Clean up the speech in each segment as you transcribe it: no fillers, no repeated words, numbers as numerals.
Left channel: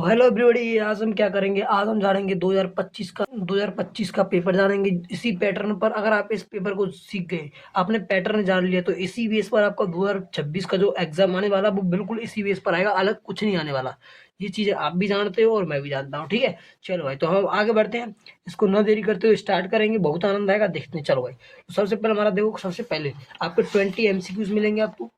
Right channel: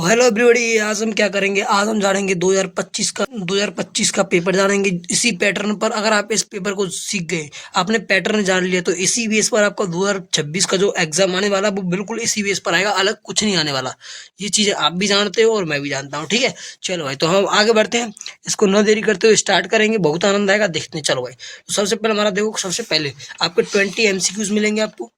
तो hello everybody, आज हम क्या करेंगे। आज हम जानेंगे 2025 का पेपर जानेंगे इसी पैटर्न पर। अगर आप इस पेपर को सीख गए, आपने पैटर्न जान लिया, तो इसी बेस पर आपका 2026 का जो एग्जाम आने वाला वो बिल्कुल इसी बेस पर आएगा, अलग कुछ नहीं आने वाला। ये चीजें आप भी जानते हो और मैं भी जानता हूँ, ठीक है। चलो भाई, तो हम आगे बढ़ते हैं, इसको न देरी करते हुए स्टार्ट करेंगे। बहुत आनंद आएगा, देखते हैं। चलो भाई, तो सबसे पहले हमारा देखो, सबसे पहले आपको 20 एमसीक्यूज मिलेंगे। आपको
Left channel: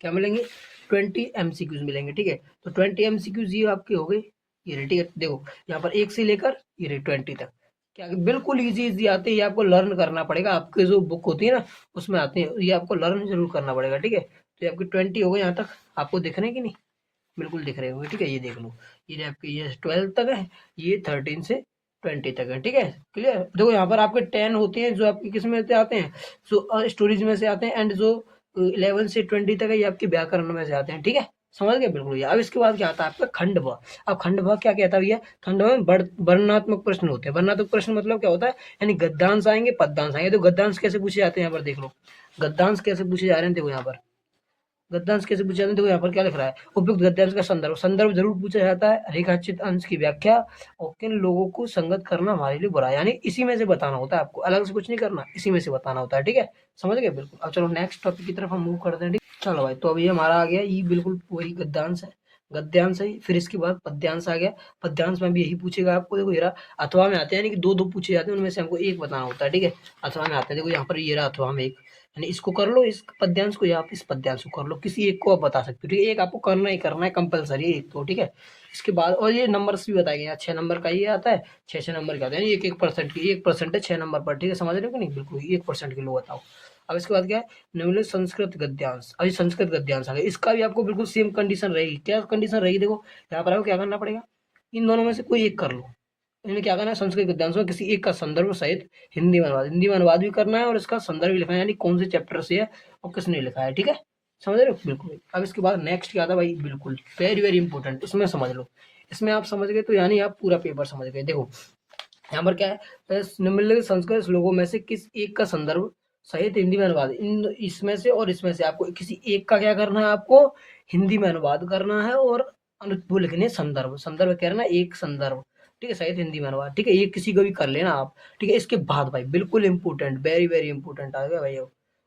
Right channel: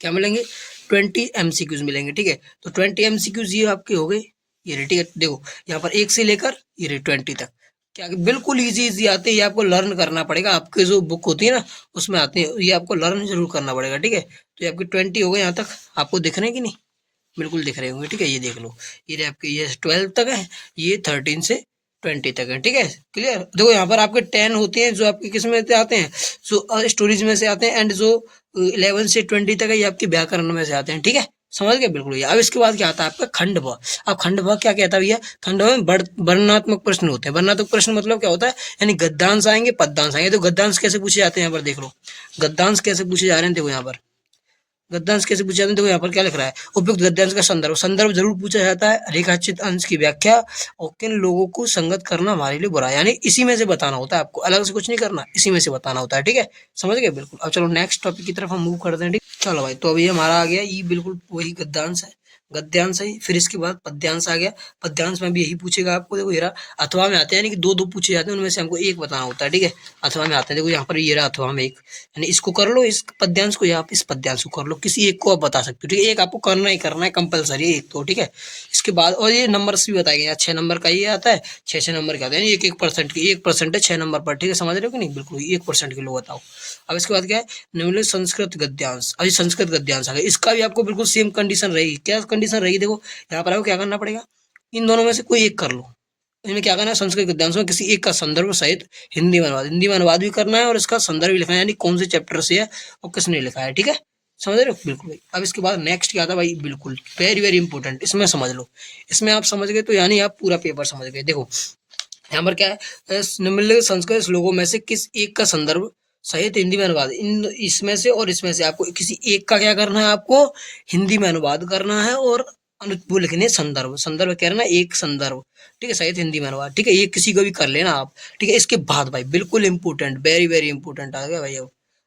क्या मिलेंगे? 20 एमसीक्यूज मिलेंगे, ठीक है। तो 20 एमसीक्यूज ये आपके हो गए, ये रहे, ठीक है। देखो यहाँ पर 1 से लेकर ये रहे 20 तक, क्या बिल्कुल इजी इजी आते हैं। ये आपको लर्न करना पड़ेगा, आपके जो बुक होती है ना उसमें आते हैं, ये आपको लर्न जरूर करना पड़ेगा, ठीक है। तो ये आपके 20 हो गए। यहाँ तक आपको दिख रहे हैं कि नहीं? बिल्कुल दिख रहे होंगे, ठीक है। ये देख लो, ये रहे आपके, ये 12 तक है, ये 13 से 20 तक है, ठीक है। क्लियर? देखो यहाँ पर आपके 10 होते हैं, जो आपके किस में से आते हैं, जो स्टोरीज में से आते हैं, एंड जो 11 से 20 तक है ये आपके व्याकरण में से आते हैं, ठीक है। समझ गए? बिल्कुल। ये अब इसके बाद क्या आता है आपका खंड भ। अब खंड भ क्या कहता है भैया? खंड भ में वर्णनात्मक प्रश्न होते हैं। वर्णनात्मक प्रश्न मतलब क्या होता है? यानी गद्यांश आएंगे, पद्यांश आएंगे। तो गद्यांश कैसे पूछे जाते हैं यहाँ पर देख लो, गद्यांश कैसे पूछे जा रहे हैं। देखो यहाँ पर गद्यांश कैसे पूछा जाता है। देखो यहाँ पर क्या लिख रहा है, उपयुक्त गद्यांश का संदर्भ। संदर्भ जरूर पूछा जाता है। रेखाचित अंश की व्याख्या और किन लोगों को संगत करना हमारे लिए बुरा है, यानी इसी में से बताना होता है आपको, अलग से कुछ नहीं करना, इसी में से बताना होता है, ठीक है। समझ गए? बिल्कुल। अब चलो नेक्स्ट टॉपिक की तरफ हम मूव करते हैं, ठीक। चलो भाई, तो अभी हमारा आ गया ये बिल्कुल वही गद्यांश है, गद्यांश है। फिर इसके बाद पद्यांश आ गया। पद्यांश में भी यही पूछेगा आपको। देखो ये रहा, अथवा में आते हैं, यानी कि दो दो पूछे जाते हैं, उनमें से हमको एक बताना होता है, ठीक है। अथवा में आते हैं, देखो यहाँ पर ये रहा अथवा में एक, यानी इसको कर लो, इस पद्यांश को, या आप इस पद्यांश को कर लो, किसी एक को आप बता सकते हो, ठीक है। एक आपको करना ही करना है, कंपलसरी एक तो, ठीक है। इसके बाद और ये नंबर्स भी बताए गए, 6 नंबर का ये आता है, 6 नंबर का आता है, 1% की 1% है 6 नंबर पर, ठीक है। समझ रहे हो कि नहीं? बिल्कुल 1% के लो बताओ। अब इसके बाद क्या है, निम्नलिखित संस्कृत गद्यांश। अभी संस्कृत गद्यांश आ गया, इसका भी आपको बिल्कुल सेम कंडीशन रहेगी। क्या कंडीशन रहेगी? देखो यहाँ पर आपको क्या करना पड़ेगा, इन दोनों में से कोई एक कर लो। इनमें क्या करना है, संस्कृत गद्यांश में किसी एक का संदर्भ सहित हिंदी में अनुवाद भी करना है, और इसका संदर्भ भी लिखना है, यानी कौन से चैप्टर से है और किसने लिखा है, ठीक है। समझ रहे हो? बिल्कुल भाई। अब इसके बाद नेक्स्ट क्या था भाई, बिल्कुल वेरी वेरी इंपॉर्टेंट, इसमें समझ लो। इसमें आप समझ गए तो यानी आप पूरा पेपर समझ गए। देखो यहाँ पर क्या है, निम्नलिखित संस्कृत श्लोकों में से किस एक का संदर्भ सहित हिंदी में अनुवाद, इन इसमें से और इसमें से आपको किसी एक का क्या करना है, आपको हिंदी में अनुवाद करना है, और वो लिखने संदर्भ, संदर्भ कह रहे ना, एक संदर्भ, ठीक है, सहित हिंदी में अनुवाद, ठीक है। ये किसी को भी कर लेना आप, ठीक है। इसके बाद भाई बिल्कुल इंपॉर्टेंट, वेरी वेरी इंपॉर्टेंट आ गया भाई।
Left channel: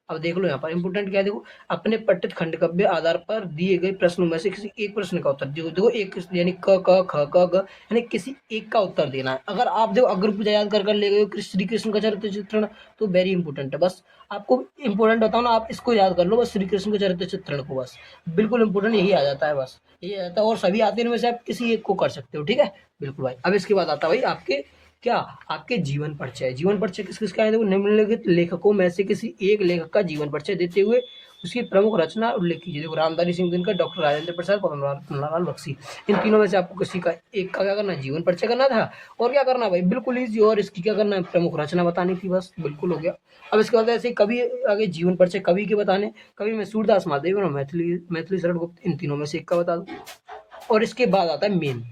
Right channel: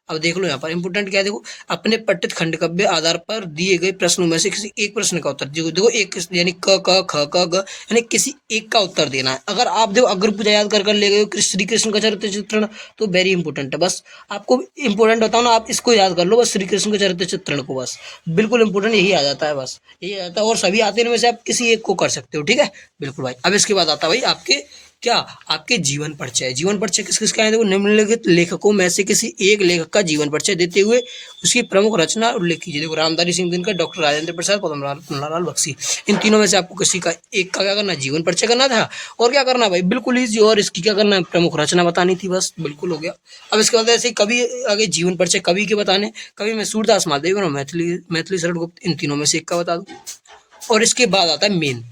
अब देख लो यहाँ पर इंपोर्टेंट क्या है, देखो अपने पठित खंडकाव्य आधार पर दिए गए प्रश्नों में से किसी एक प्रश्न का उत्तर देखो एक, यानी क ख ख ग घ, यानी किसी एक का उत्तर देना है। अगर आप देखो अगर पूजा याद कर ले गए हो श्री कृष्ण का चरित्र चित्रण, तो वेरी इंपॉर्टेंट है। बस आपको इंपॉर्टेंट बताओ ना, आप इसको याद कर लो बस, श्री कृष्ण के चरित्र चित्रण को, बस बिल्कुल इंपॉर्टेंट यही आ जाता है, बस यही आ जाता है। और सभी आते हैं, इनमें से आप किसी एक को कर सकते हो, ठीक है। बिल्कुल भाई। अब इसके बाद आता है भाई आपके क्या, आपके जीवन परिचय। जीवन परिचय किस किसका है? देखो निम्नलिखित लेखकों में से किसी एक लेखक का जीवन परिचय देते हुए उसकी प्रमुख रचना उल्लेख कीजिए। देखो रामधारी सिंह दिनकर, डॉक्टर राजेंद्र प्रसाद, पद्मनाभ बख्शी, इन तीनों में से आपको किसी का एक का क्या करना, जीवन परिचय करना था, और क्या करना भाई, बिल्कुल ईजी, और इसकी क्या करना है, प्रमुख रचना बतानी थी, बस बिल्कुल हो गया। अब इसके बाद ऐसे कवि आगे, जीवन परिचय कवि के बताने, कवि में सूरदास महादेव और मैथिली शरण गुप्त, इन तीनों में से एक का बता दो। और इसके बाद आता है मेन,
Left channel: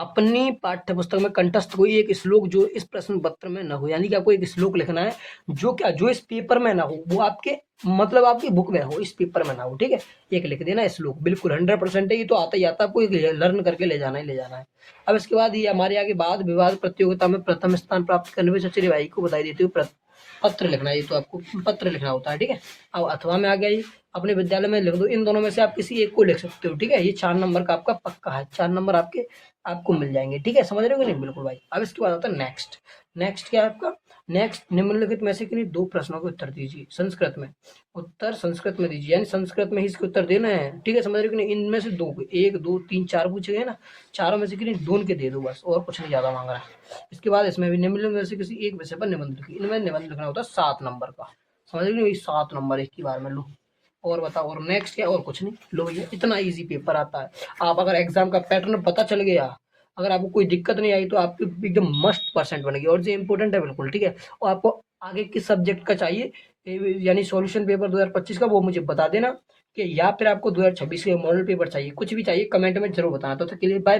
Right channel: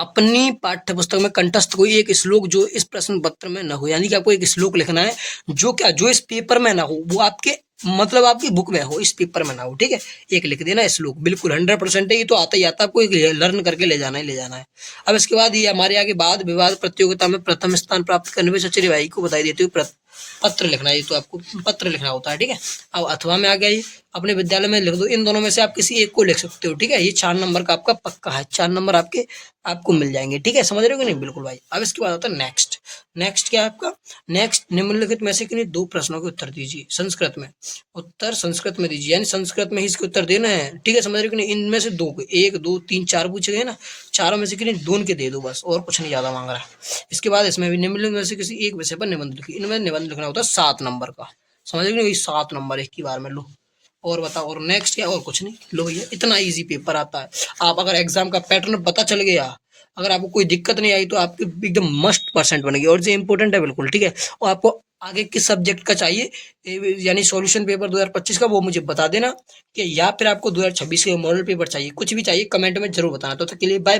अपनी पाठ्य पुस्तक में कंठस्थ कोई एक श्लोक जो इस प्रश्न पत्र में न हो, यानी कि आपको एक श्लोक लिखना है जो क्या, जो इस पेपर में ना हो, वो आपके मतलब आपकी बुक में हो, इस पेपर में ना हो, ठीक है। एक लिख देना श्लोक, बिल्कुल 100% है, ये तो आता ही आता है, आपको लर्न करके ले जाना ही ले जाना है। अब इसके बाद ये हमारे आगे वाद विवाद प्रतियोगिता में प्रथम स्थान प्राप्त करने में सच्चे भाई को बधाई देते हुए पत्र लिखना है, ये तो आपको पत्र लिखना होता है, ठीक है। अब अथवा में आ गया, ये अपने विद्यालय में लिख दो। इन दोनों में से आप किसी एक को लिख सकते हो, ठीक है। ये 4 नंबर का आपका पक्का है, 4 नंबर आपको मिल जाएंगे, ठीक है। समझ रहे हो कि नहीं? बिल्कुल भाई। अब इसके बाद होता है नेक्स्ट। नेक्स्ट क्या है आपका, नेक्स्ट निम्नलिखित में से किन्हीं 2 प्रश्नों के उत्तर दीजिए संस्कृत में। उत्तर संस्कृत में दीजिए, यानी संस्कृत में ही इसके उत्तर देना है, ठीक है। समझ रहे हो कि नहीं? इनमें से 2, 1 2 3 4 पूछे गए ना, चारों में से किन्हीं 2 के दे दो बस, और कुछ नहीं ज्यादा मांग रहा है। इसके बाद इसमें भी निम्नलिखित में से किसी एक विषय पर निबंध लिखिए। इनमें निबंध लिखना होता है 7 नंबर का। समझ रहे हो कि नहीं? 7 नंबर एक ही बार में लो, और बताओ। और नेक्स्ट क्या, और कुछ नहीं, लो भैया, इतना इजी पेपर आता है। आप अगर एग्जाम का पैटर्न पता चल गया, अगर आपको कोई दिक्कत नहीं आई, तो आपकी एकदम मस्त परसेंट बनेगी, और जो इंपॉर्टेंट है बिल्कुल, ठीक है। और आपको आगे किस सब्जेक्ट का चाहिए, यानी सॉल्यूशन पेपर 2025 का, वो मुझे बता देना, कि या फिर आपको 2026 के मॉडल पेपर चाहिए, कुछ भी चाहिए कमेंट में जरूर बताना। तो तक के लिए बाय।